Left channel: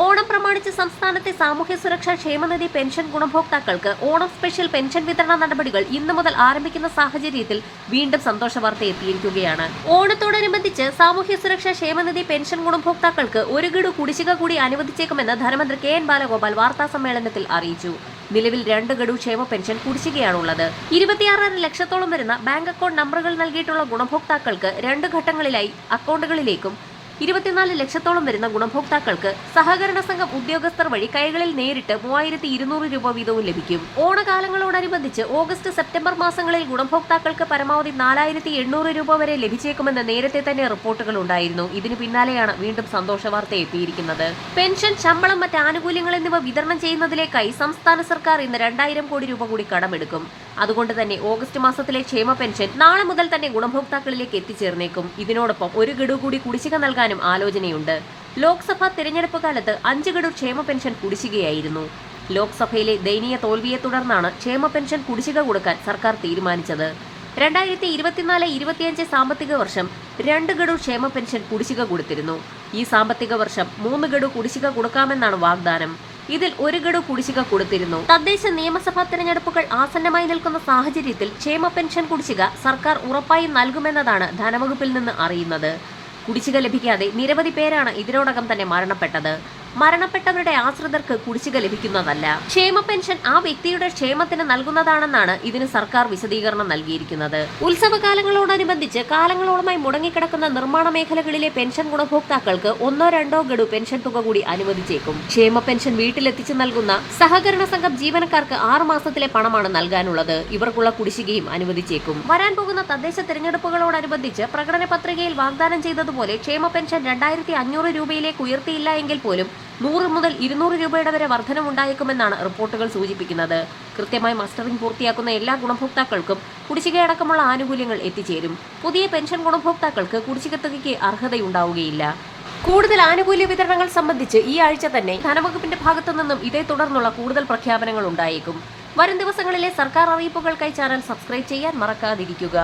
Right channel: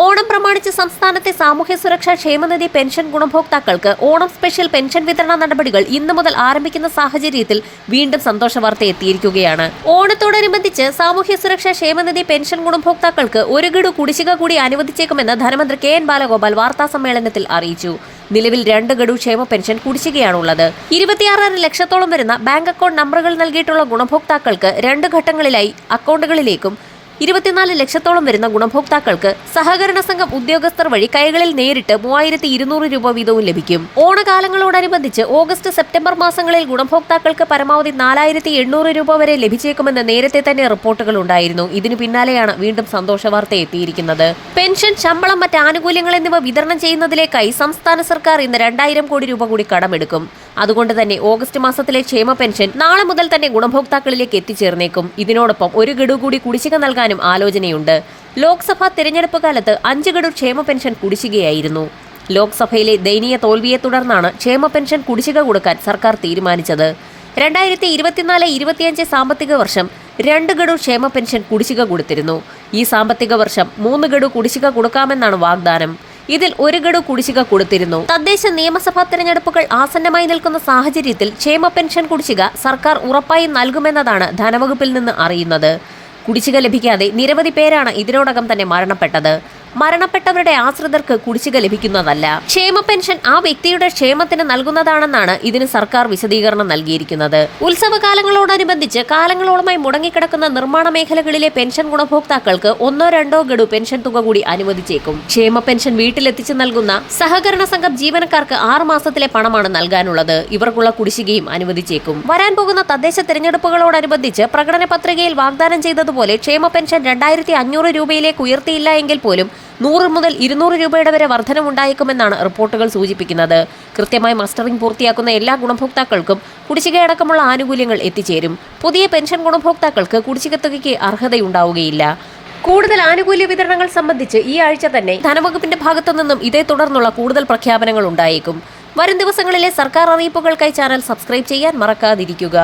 ഓണം പ്രമാണിച്ച് സംസ്ഥാനത്തെ സാമൂഹ്യ സുരക്ഷാ ക്ഷേമനിധി പെൻഷൻ ഗുണഭോക്താക്കൾക്ക് ഓണം സ്പെഷ്യൽ പെൻഷൻ വിതരണ നടപടികൾ ഇന്നു മുതൽ ആരംഭിക്കുന്ന സാഹചര്യത്തിൽ വീണ്ടും സന്തോഷ വാർത്ത എത്തിയിരിക്കുകയാണ്. ഓണത്തോടനുബന്ധിച്ച് സാമൂഹ്യ സുരക്ഷാ ക്ഷേമനിധി പെൻഷൻ ഗുണഭോക്താക്കൾക്ക് ഒരു ഗഡു കുടിശ്ശിക കൂടി അനുവദിച്ചേക്കുമെന്ന് ധനമന്ത്രി കെ.എൻ. ബാലഗോപാൽ വാർത്താസമ്മേളനത്തിൽ അറിയിച്ചു. നിലവിൽ 2 ഗഡു ക്ഷേമ പെൻഷൻ കുടിശ്ശികയാണുള്ളത്. 26 ലക്ഷത്തോളം വരുന്ന ബാങ്ക് അക്കൗണ്ട് നമ്പറുകൾ നൽകിയിട്ടുള്ള ഗുണഭോക്താക്കൾക്ക് 2 ഘട്ടങ്ങളിലായി അക്കൗണ്ടുകളിലേക്കും 24 ലക്ഷത്തോളം വരുന്ന ഗുണഭോക്താക്കൾക്ക് സഹകരണ സംഘം ഉദ്യോഗസ്ഥർ വഴി കൈകളിൽ നേരിട്ട് 3200 രൂപ വീതവും ലഭിക്കും. ഓണകാലങ്ങളോടനുബന്ധിച്ച് ഓഗസ്റ്റ് സെപ്റ്റംബർ മാസങ്ങളിൽ ഗുണഭോക്താക്കൾക്ക് പരമാവധി 4800 രൂപ വരെ ലഭിച്ചേക്കുമെന്ന് നേരത്തെ തന്നെ റിപ്പോർട്ടുകൾ ഉണ്ടായിരുന്നു. ഇതിനു പിന്നാലെയാണ് വീണ്ടും സന്തോഷ വാർത്ത എത്തിയിരിക്കുന്നത്. പെൻഷൻ, ശമ്പളം, മറ്റ് ആനുകൂല്യങ്ങൾ എന്നിവ വിതരണം ചെയ്യുന്നതിലേക്കായി സംസ്ഥാന സർക്കാർ ഇന്ന് 2000 കോടി രൂപ കൂടി കടമെടുക്കും. അതുകൊണ്ട് തന്നെ ഓഗസ്റ്റ് മാസത്തിലെ ക്ഷേമ പെൻഷൻ നാളെ മുതൽ തന്നെ ഗുണഭോക്താക്കളിലേക്ക് എത്തിച്ചേർന്നേക്കും. ഇതിനോടൊപ്പം 1 ഗഡു കൂടി കുടിശ്ശിക നൽകാനും ആലോചനയുണ്ട്. ലോക്സഭാ തെരഞ്ഞെടുപ്പ് കാലത്ത് 5 ഗഡു ക്ഷേമ പെൻഷൻ കുടിശ്ശികയായിരുന്നു. ലോക്സഭയിലെ ദയനീയ തോൽവിയെ തുടർന്നാണ് ക്ഷേമ പെൻഷൻ കുടിശ്ശിക കൊടുക്കാൻ സർക്കാർ തീരുമാനിച്ചത്. 2024-25 സാമ്പത്തിക വർഷം 2 ഗഡു ക്ഷേമ പെൻഷൻ കുടിശ്ശിക കൊടുത്തിരുന്നു. ഈ സാമ്പത്തിക വർഷം 3 ഗഡു കുടിശ്ശിക കൊടുക്കാമെന്നാണ് വാഗ്ദാനം. ഇതിൽ 1 ഗഡു കുടിശ്ശിക കൊടുത്തിരുന്നു. തദ്ദേശ നിയമസഭാ തെരഞ്ഞെടുപ്പുകൾ ആസന്നമായി നിൽക്കുന്ന സാഹചര്യത്തിൽ ക്ഷേമ പെൻഷൻ കുടിശ്ശിക സർക്കാർ ഉറപ്പായും നൽകുമെന്നതാണ് ധനവകുപ്പിൽ നിന്ന് അറിയുന്നത്. കുടിശ്ശിക ലഭിക്കാതെ നിരവധി പേരാണ് ഇതിനോടകം തന്നെ മരണപ്പെട്ടത്. മരണപ്പെട്ടവരുടെ ആശ്രിതർക്ക് കുടിശ്ശിക ലഭിക്കുന്നതല്ല. ക്ഷേമ പെൻഷൻ ആ വ്യക്തിയുടെ ക്ഷേമത്തിന് നൽകുന്നതാണെന്നാണ് ഇതിന് സർക്കാർ വിശദീകരണം നൽകിയിരിക്കുന്നത്. ഉത്സവകാലങ്ങളോടനുബന്ധിച്ച് കാലങ്ങളോളമായി മുടങ്ങിക്കിടക്കുന്ന നിർമ്മാണ മേഖലകളിലെ പെൻഷൻ ഗുണഭോക്താക്കൾക്ക് 1-2 ഗഡു പെൻഷൻ തുക കൂടി അനുവദിച്ചേക്കും. ക്ഷേമ പെൻഷൻ വീട്ടിലെത്തിച്ച് നൽകുന്ന സഹകരണ സംഘം ജീവനക്കാർക്ക് 6 മാസത്തിലെ പണമാണ് നൽകാനുള്ളത്. ഇവർക്കുള്ള കുടിശ്ശികയും അനുവദിച്ചേക്കും. വരാൻ പോകുന്ന തദ്ദേശ തെരഞ്ഞെടുപ്പുകളോടനുബന്ധിച്ച് പ്രകടന പത്രികയിൽ വാഗ്ദാനം ചെയ്തതുപോലെ ക്ഷേമ പെൻഷൻ 2500 രൂപയിലേക്ക് ഉയർത്തിയില്ല എങ്കിൽ പോലും 100 മുതൽ 200 രൂപയുടെ വരെ വർധനമുണ്ടായേക്കുമെന്നാണ് റിപ്പോർട്ടുകൾ സൂചിപ്പിക്കുന്നത്. കൃത്യമായി മസ്റ്ററിംഗ് പൂർത്തിയാക്കുന്ന എല്ലാ ഗുണഭോക്താക്കൾക്കും കുടിശ്ശികയടക്കമുള്ള ആനുകൂല്യങ്ങൾ എത്തിച്ചേരും. പുതിയ പെൻഷൻ ഗുണഭോക്താക്കൾക്ക് കുടിശ്ശിക തുകയ്ക്ക് അർഹതയുണ്ടാവുകയില്ല. കൂടുതൽ ആനുകൂല്യ വിതരണങ്ങൾ സംബന്ധിച്ച് ഈ ആഴ്ച തന്നെ ധനവകുപ്പിന്റെ ഭാഗത്തു നിന്നും ഇതേ തുടർന്നുള്ള കൂടുതൽ പ്രഖ്യാപനങ്ങൾ ഉണ്ടായേക്കും. വരും ദിവസങ്ങളിലെ സർക്കാർ അറിയിപ്പുകൾക്കായി ചാനൽ സബ്സ്ക്രൈബ് ചെയ്യാൻ മറക്കാതിരിക്കുക.